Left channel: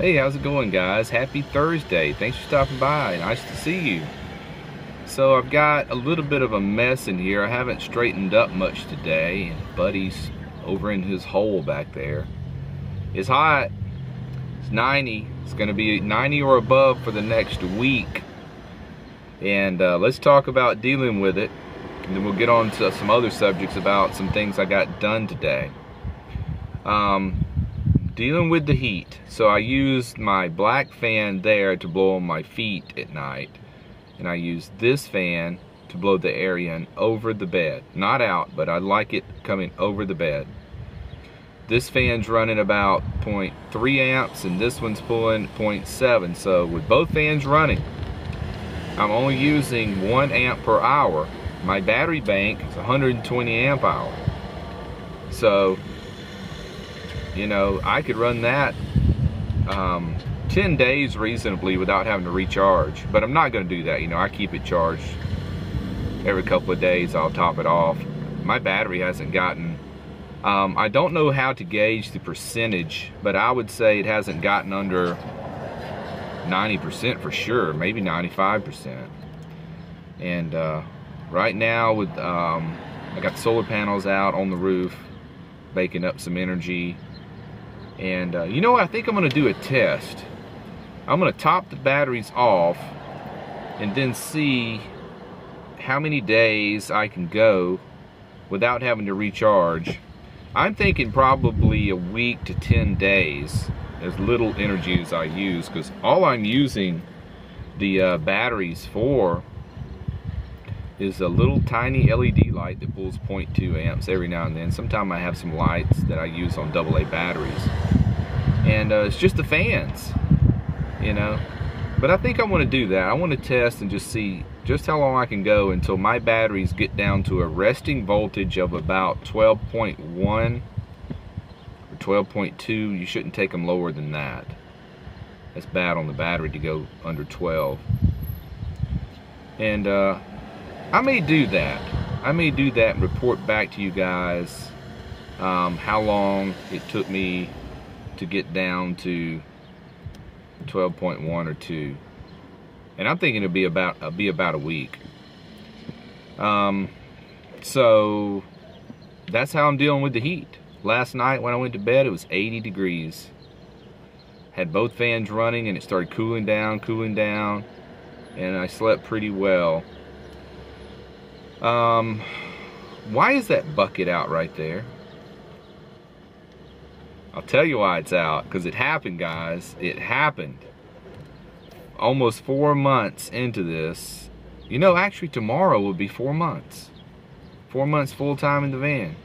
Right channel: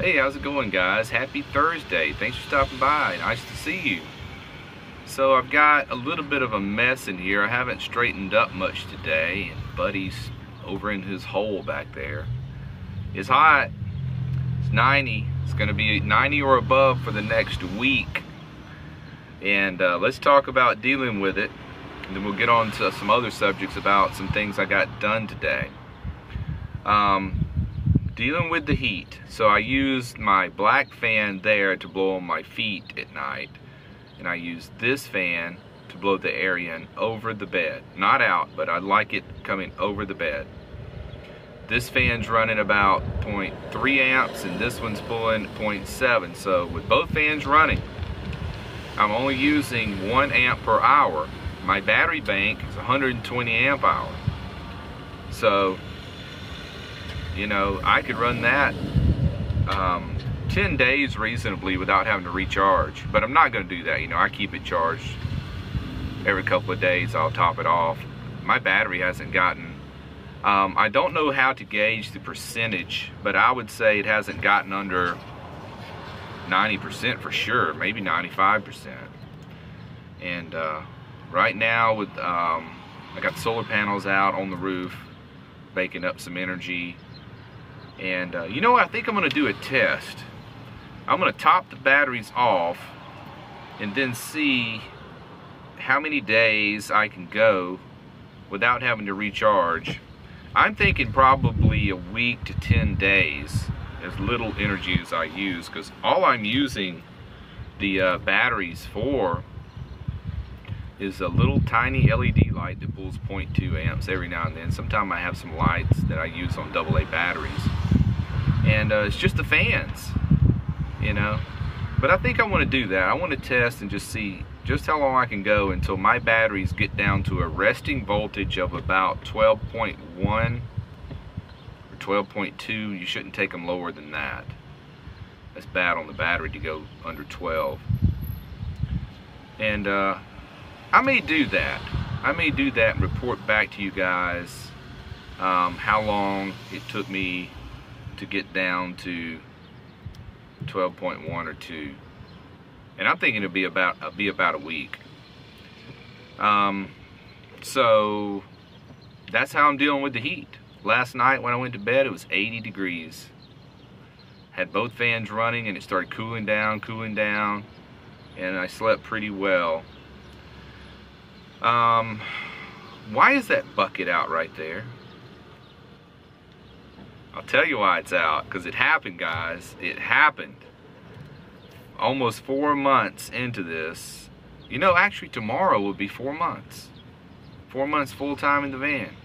Hey, how's it going, guys? Happy Thursday. Thanks for stopping by. Nice to see you. So I've got a little bit of a mess in here. I haven't straightened up much today, and Buddy's over in his hole back there. It's hot. It's 90. It's going to be 90 or above for the next week. And let's talk about dealing with it. And then we'll get on to some other subjects about some things I got done today. Dealing with the heat. So I used my black fan there to blow on my feet at night. And I used this fan to blow the air in over the bed. Not out, but I like it coming over the bed. This fan's running about 0.3 amps and this one's pulling 0.7. So with both fans running, I'm only using 1 amp per hour. My battery bank is 120 amp hour. So, you know, I could run that 10 days reasonably without having to recharge. But I'm not going to do that. You know, I keep it charged every couple of days. I'll top it off. My battery hasn't gotten... I don't know how to gauge the percentage, but I would say it hasn't gotten under 90% for sure, maybe 95%. And right now, with I got the solar panels out on the roof, baking up some energy. And you know what? I think I'm going to do a test. I'm going to top the batteries off and then see how many days I can go without having to recharge. I'm thinking probably a week to 10 days, as little energy as I use, because all I'm using the batteries for is a little tiny LED light that pulls 0.2 amps every now and then. Sometimes I have some lights that I use on AA batteries. And it's just the fans, you know. But I think I want to do that. I want to test and just see just how long I can go until my batteries get down to a resting voltage of about 12.1 or 12.2. You shouldn't take them lower than that. That's bad on the battery to go under 12. And I may do that. I may do that and report back to you guys how long it took me to get down to 12.1 or 2. And I'm thinking it'll be about a week. So that's how I'm dealing with the heat. Last night when I went to bed, it was 80 degrees. Had both fans running and it started cooling down, and I slept pretty well. Why is that bucket out right there? I'll tell you why it's out. Because it happened, guys. It happened. Almost 4 months into this. You know, actually tomorrow will be 4 months. 4 months full time in the van.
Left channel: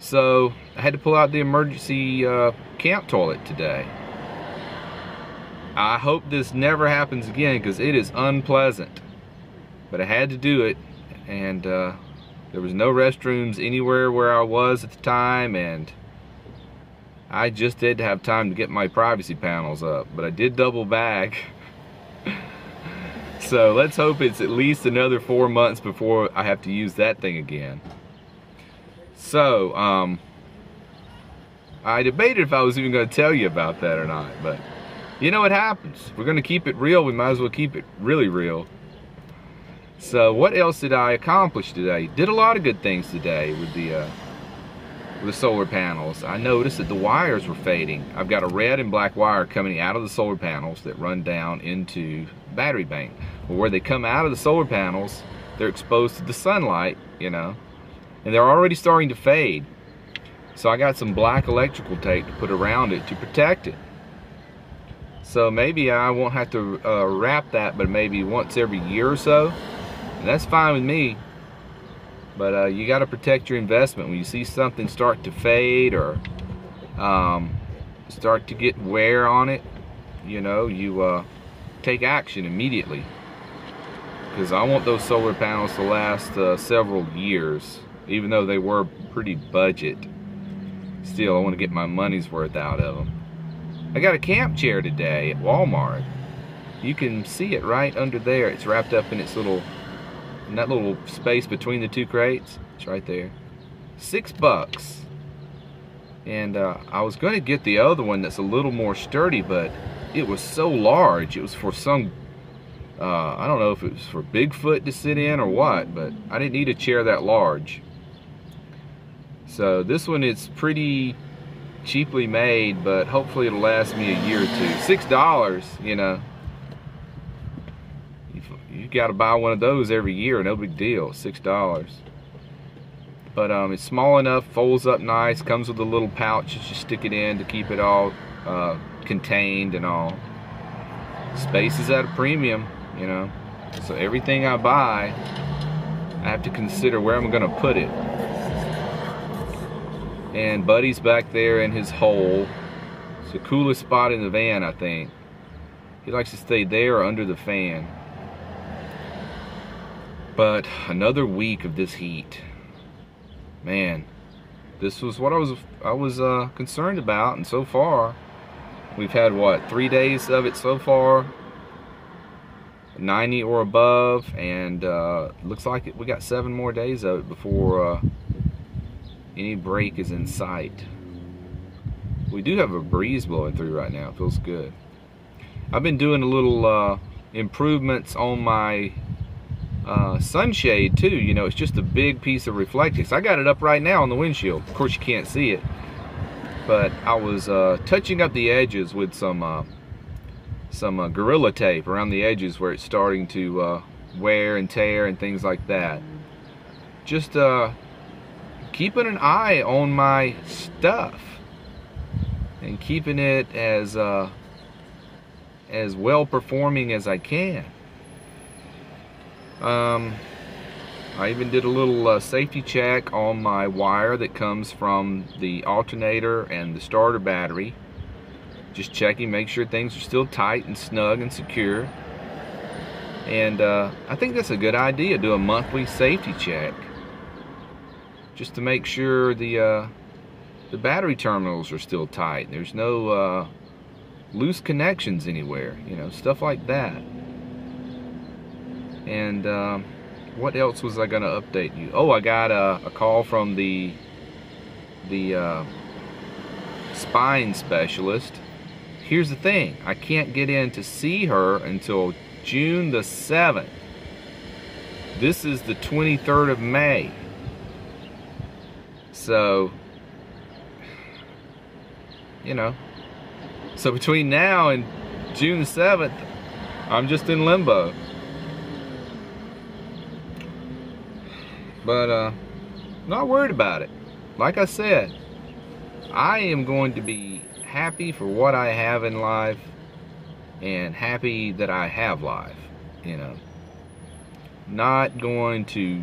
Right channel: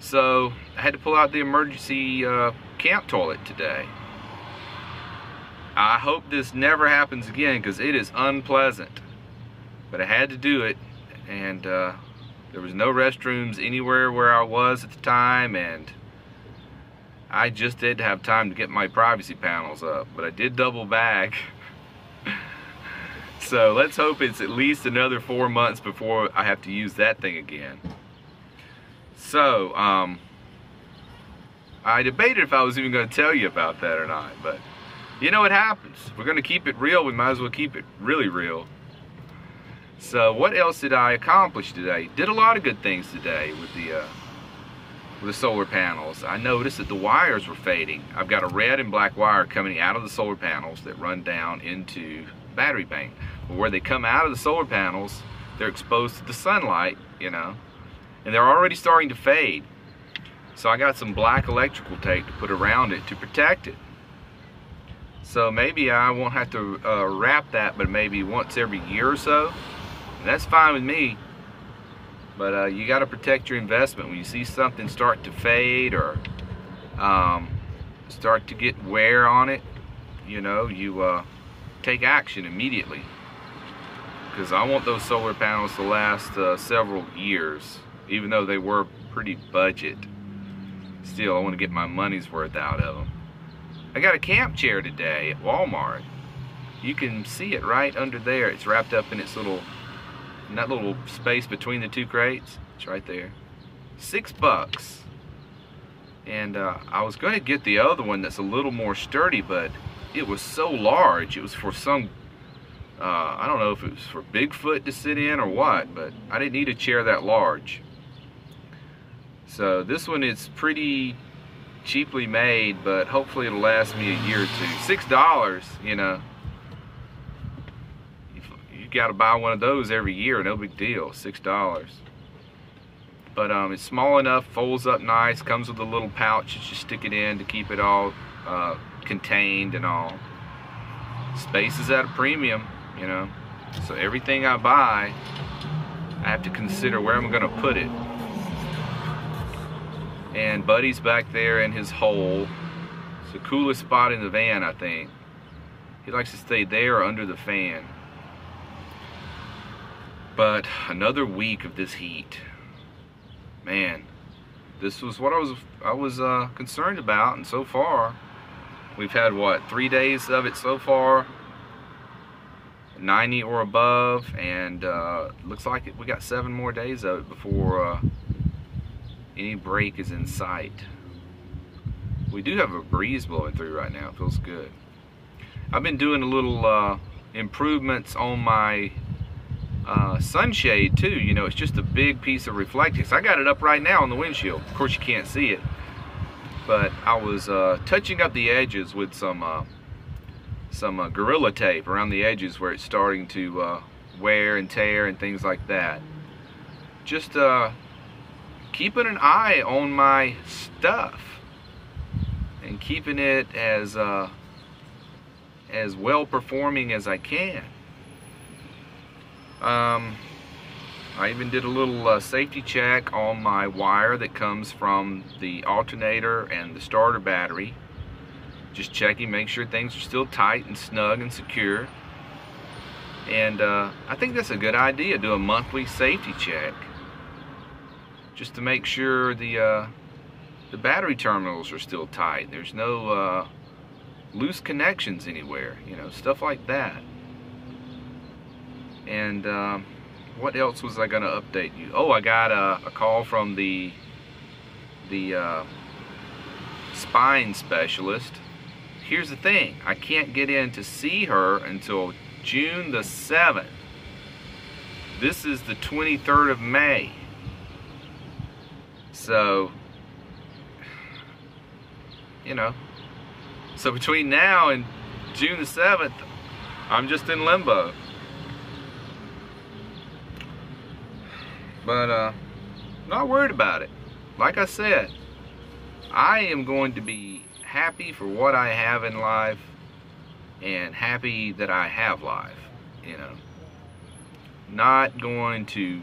So I had to pull out the emergency camp toilet today. I hope this never happens again because it is unpleasant. But I had to do it, and there was no restrooms anywhere where I was at the time, and I just didn't have time to get my privacy panels up. But I did double bag. So let's hope it's at least another 4 months before I have to use that thing again. So, I debated if I was even going to tell you about that or not, but you know what happens. If we're going to keep it real, we might as well keep it really real. So what else did I accomplish today? Did a lot of good things today with the solar panels. I noticed that the wires were fading. I've got a red and black wire coming out of the solar panels that run down into the battery bank. Well, where they come out of the solar panels, they're exposed to the sunlight, you know, and they're already starting to fade. So I got some black electrical tape to put around it to protect it. So maybe I won't have to wrap that, but maybe once every year or so. And that's fine with me. But you got to protect your investment. When you see something start to fade or start to get wear on it, you know, you take action immediately. Because I want those solar panels to last several years, even though they were pretty budget. Still, I want to get my money's worth out of them. I got a camp chair today at Walmart. You can see it right under there. It's wrapped up in its little... in that little space between the two crates. It's right there. $6. And I was going to get the other one that's a little more sturdy, but it was so large. It was for some, I don't know if it was for Bigfoot to sit in or what, but I didn't need a chair that large. So this one is pretty cheaply made, but hopefully it'll last me a year or two. $6, you know. You got to buy one of those every year, no big deal, $6. But it's small enough, folds up nice, comes with a little pouch that you stick it in to keep it all contained and all. Space is at a premium, you know. So everything I buy, I have to consider where I'm going to put it. And Buddy's back there in his hole. It's the coolest spot in the van, I think. He likes to stay there or under the fan. But another week of this heat. Man, this was what I was concerned about, and so far we've had what, 3 days of it so far, 90 or above, and looks like we got 7 more days of it before any break is in sight. We do have a breeze blowing through right now. It feels good. I've been doing a little improvements on my sunshade too. You know, it's just a big piece of reflectix. I got it up right now on the windshield. Of course you can't see it, but I was touching up the edges with some Gorilla Tape around the edges where it's starting to wear and tear and things like that. Just keeping an eye on my stuff and keeping it as well performing as I can. I even did a little safety check on my wire that comes from the alternator and the starter battery. Just checking, make sure things are still tight and snug and secure. And I think that's a good idea, do a monthly safety check, just to make sure the battery terminals are still tight. There's no loose connections anywhere, you know, stuff like that. And what else was I going to update you? Oh, I got a call from the spine specialist. Here's the thing, I can't get in to see her until June the 7th. This is the 23rd of May. So, you know, so between now and June the 7th, I'm just in limbo. But not worried about it. Like I said, I am going to be happy for what I have in life and happy that I have life, you know. Not going to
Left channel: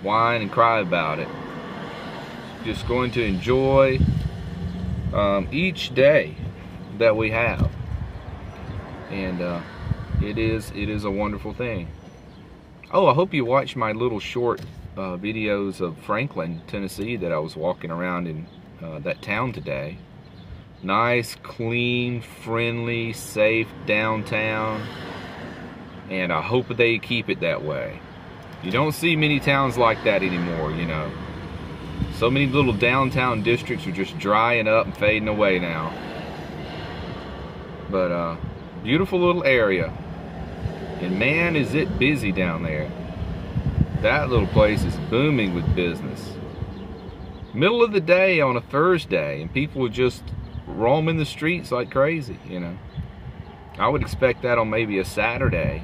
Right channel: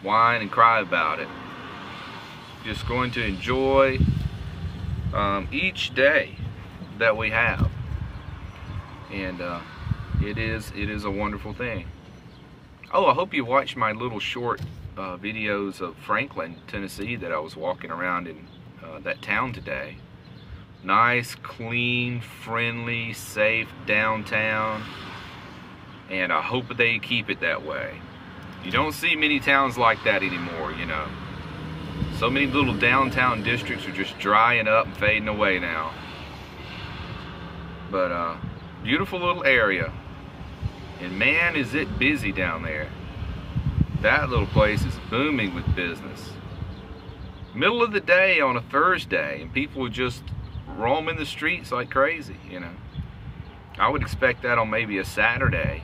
whine and cry about it. Just going to enjoy each day that we have. And it is a wonderful thing. Oh, I hope you watched my little short videos of Franklin, Tennessee that I was walking around in that town today. Nice, clean, friendly, safe downtown. And I hope they keep it that way. You don't see many towns like that anymore, you know. So many little downtown districts are just drying up and fading away now. But beautiful little area. And man, is it busy down there. That little place is booming with business. Middle of the day on a Thursday, and people would just roam in the streets like crazy, you know. I would expect that on maybe a Saturday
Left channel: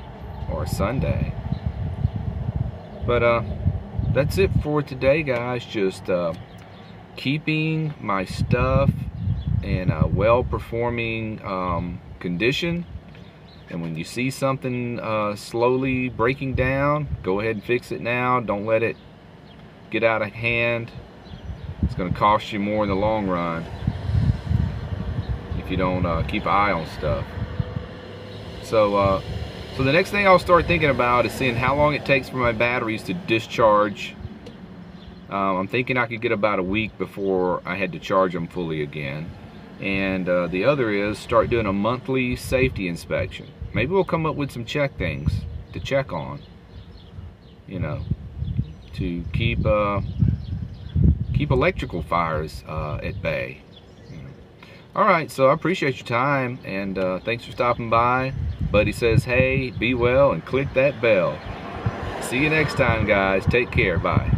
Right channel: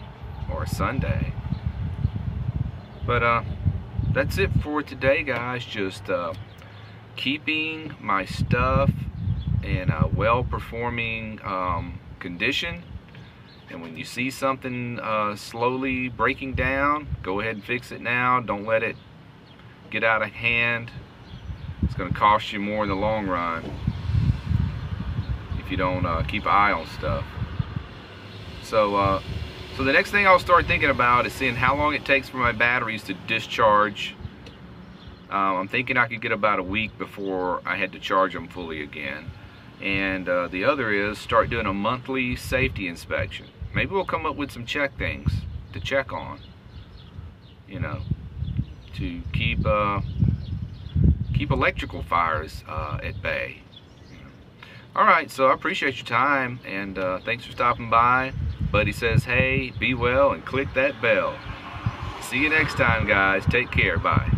or a Sunday. But that's it for today, guys. Just keeping my stuff in a well-performing condition. And when you see something slowly breaking down, go ahead and fix it now. Don't let it get out of hand. It's going to cost you more in the long run if you don't keep an eye on stuff. So the next thing I'll start thinking about is seeing how long it takes for my batteries to discharge. I'm thinking I could get about a week before I had to charge them fully again. And the other is start doing a monthly safety inspection. Maybe we'll come up with some things to check on, you know, to keep keep electrical fires at bay. All right, so I appreciate your time, and thanks for stopping by. Buddy says, hey, be well and click that bell. See you next time, guys. Take care. Bye.